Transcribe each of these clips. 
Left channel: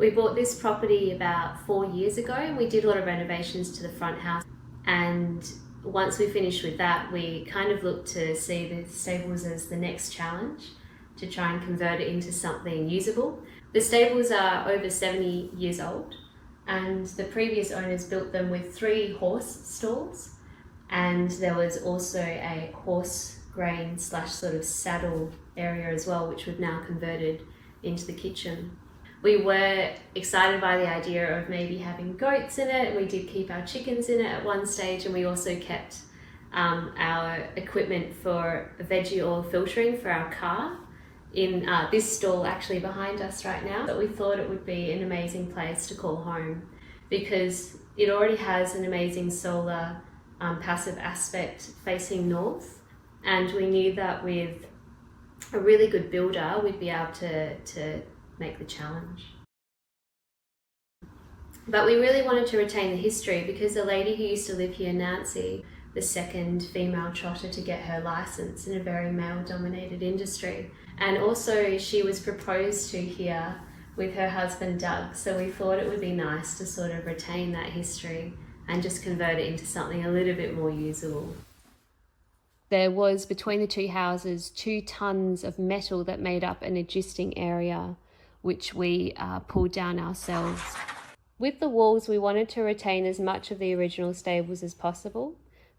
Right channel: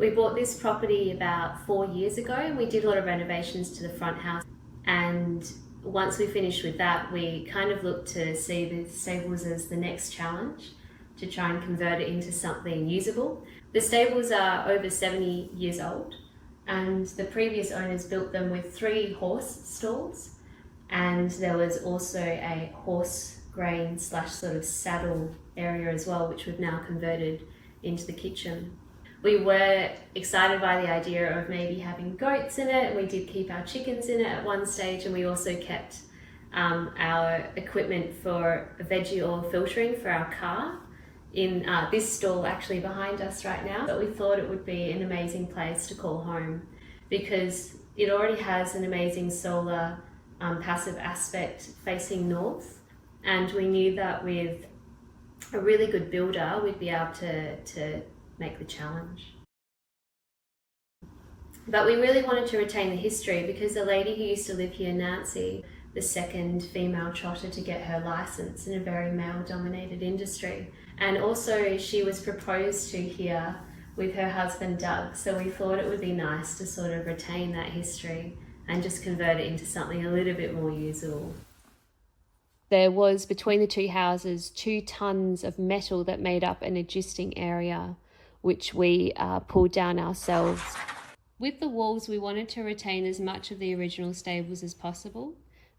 We bought this property about 4 years ago and we did a lot of renovations to the front house. And once we finished with that, we kind of looked to see the stables as the next challenge to try and convert it into something usable. The stables are over 70 years old and the previous owners built them with 3 horse stalls, and there was also a horse grain / sort of saddle area as well, which we've now converted into the kitchen. We were excited by the idea of maybe having goats in it. We did keep our chickens in it at one stage, and we also kept our equipment for veggie oil filtering for our car in this stall actually behind us right now. But we thought it would be an amazing place to call home because it already has an amazing solar passive aspect facing north, and we knew that with a really good builder we'd be able to make the challenge. But we really wanted to retain the history because the lady who used to live here, Nancy, the second female trotter to get her license in a very male-dominated industry, and also she was proposed to here with her husband Doug, so we thought it would be nice to sort of retain that history and just convert it into something a little bit more usable. There was, between the 2 houses, 2 tons of metal that made up an existing area which we pulled down ourselves. With the walls, we wanted to retain as much of the original stables as possible,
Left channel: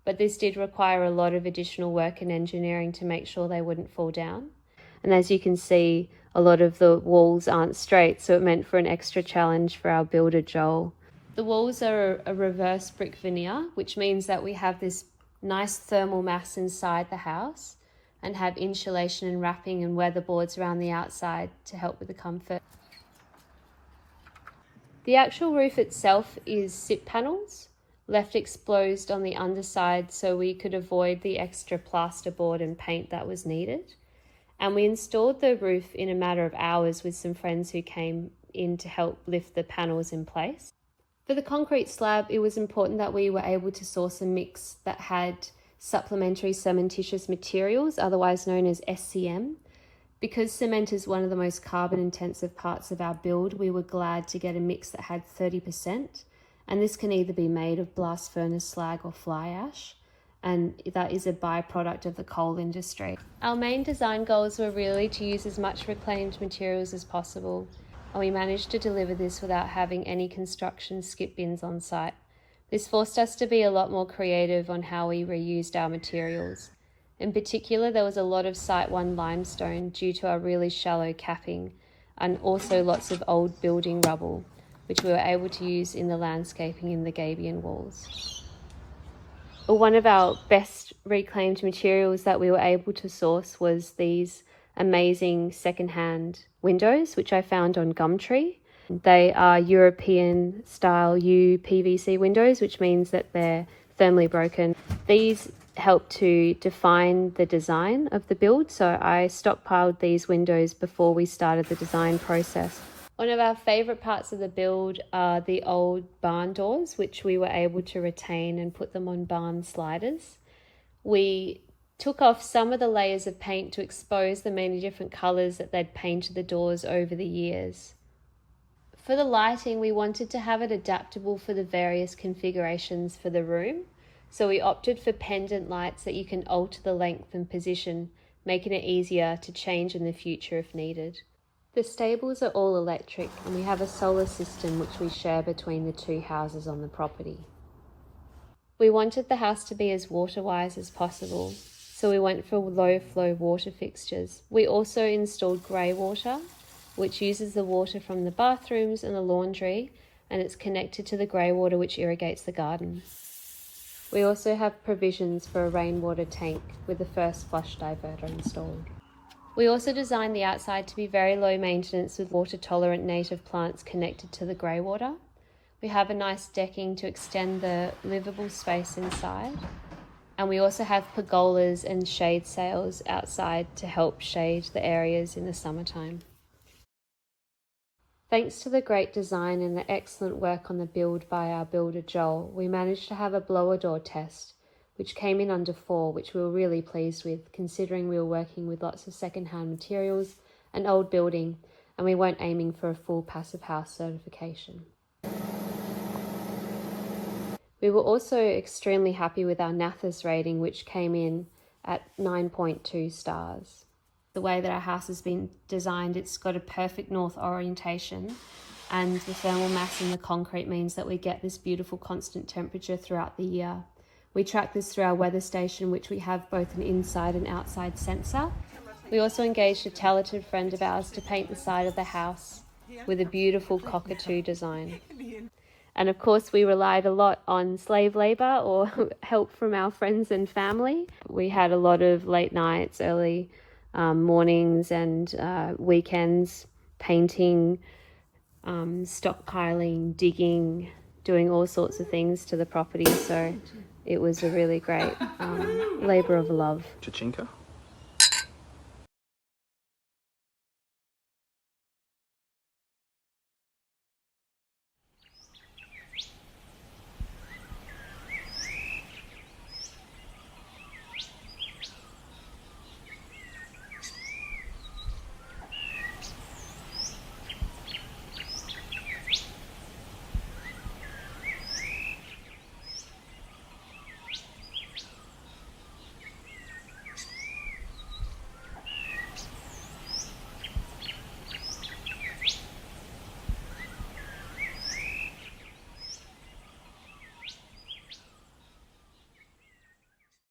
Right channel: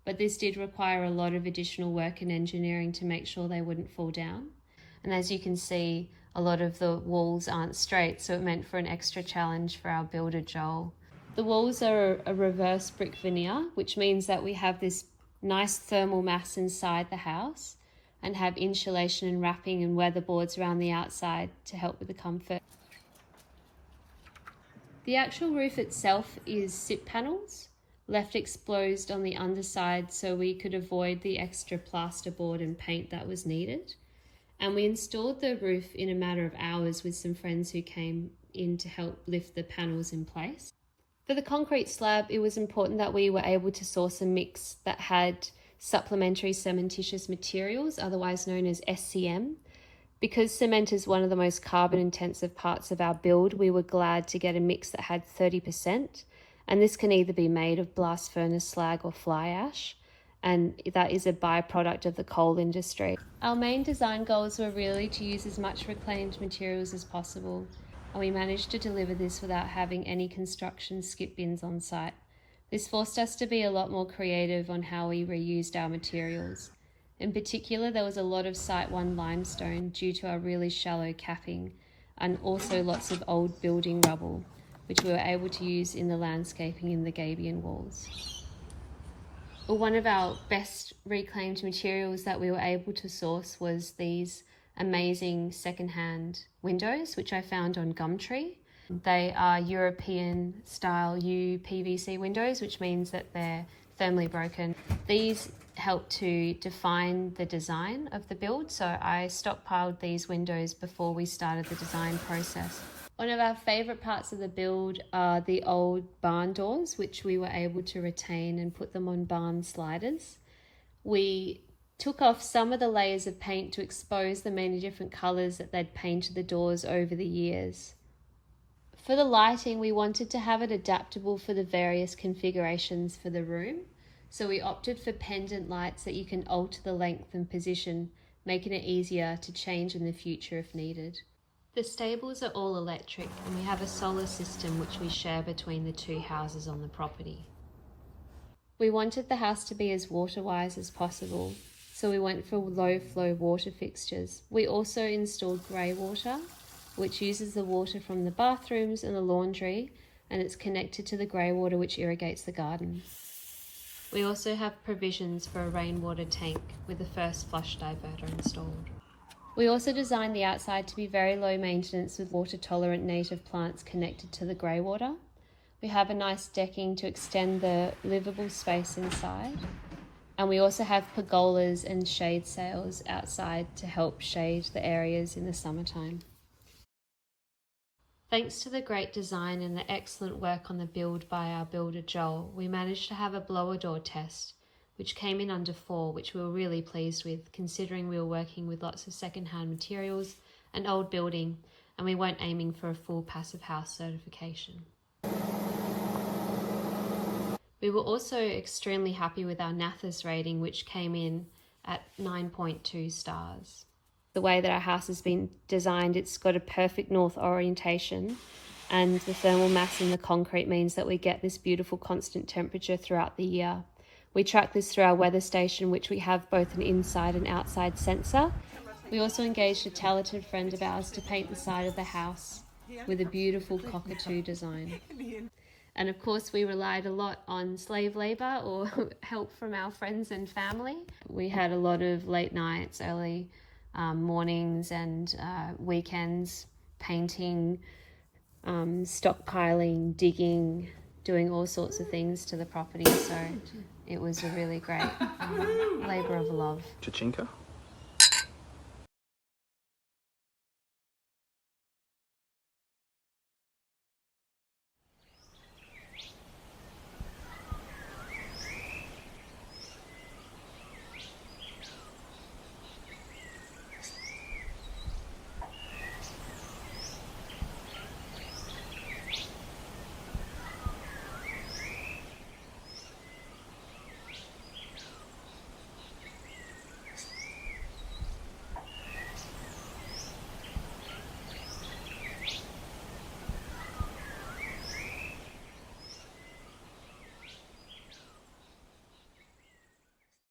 but this did require a lot of additional work and engineering to make sure they wouldn't fall down. And as you can see, a lot of the walls aren't straight, so it meant for an extra challenge for our builder, Joel. The walls are a reverse brick veneer, which means that we have this nice thermal mass inside the house and have insulation and wrapping and weatherboards around the outside to help with the comfort. The actual roof itself is SIP panels, left exposed on the underside so we could avoid the extra plasterboard and paint that was needed. And we installed the roof in a matter of hours with some friends who came in to help lift the panels in place. For the concrete slab, it was important that we were able to source a mix that had supplementary cementitious materials, otherwise known as SCM. Because cement is one of the most carbon intensive parts of our build, we were glad to get a mix that had 30%, and this can either be made of blast furnace slag or fly ash, and that is a byproduct of the coal industry. Our main design goals were really to use as much reclaimed materials as possible, and we managed to deliver this without having any construction skip bins on site. This forced us to be a lot more creative on how we reused our materials. In particular, there was a lot of Site 1 limestone due to our really shallow capping, and also lots of old building rubble, which we were able to use in the landscaping in the gabion walls. One of our best reclaimed materials that we were able to source was these amazing secondhand windows, which I found on Gumtree. They are European style UPVC windows, which means that they're thermally broken. These help to define the design of the build, so I stockpiled these windows before we started the design process. One of our favourite parts of the build are the old barn doors, which we were able to retain and put them on barn sliders. We took off some of the layers of paint to expose the many different colours that they'd painted the doors over the years. For the lighting, we wanted to have it adaptable for the various configurations for the room, so we opted for pendant lights that you can alter the length and position, making it easier to change in the future if needed. The stables are all electric, and we have a solar system which we share between the 2 houses on the property. We wanted the house to be as water-wise as possible, so we went for low-flow water fixtures. We also installed grey water, which uses the water from the bathrooms and the laundry, and it's connected to the grey water which irrigates the garden. We also have provisions for a rainwater tank with the first flush diverter installed. We also designed the outside to be very low maintenance with water-tolerant native plants connected to the grey water. We have a nice decking to extend the livable space inside, and we also have pergolas and shade sails outside to help shade the areas in the summertime. Thanks to the great design and the excellent work on the build by our builder Joel, we managed to have a blower door test, which came in under 4, which we were really pleased with, considering we were working with lots of second-hand materials and old building, and we weren't aiming for a full passive house certification. We were also extremely happy with our NATHIS rating, which came in at 9.2 stars. The way that our house has been designed, it's got a perfect north orientation, and the thermal mass in the concrete means that we get this beautiful constant temperature throughout the year. We track this through our weather station, which we have both an inside and outside sensor. We also engaged a talented friend of ours to paint the side of the house with a beautiful cockatoo design. And of course, we relied a lot on slave labour or help from our friends and family. We had a lot of late nights, early mornings and weekends painting, stockpiling, digging, doing all sorts of things to the property. So it was a really great labour of love. Chachinka?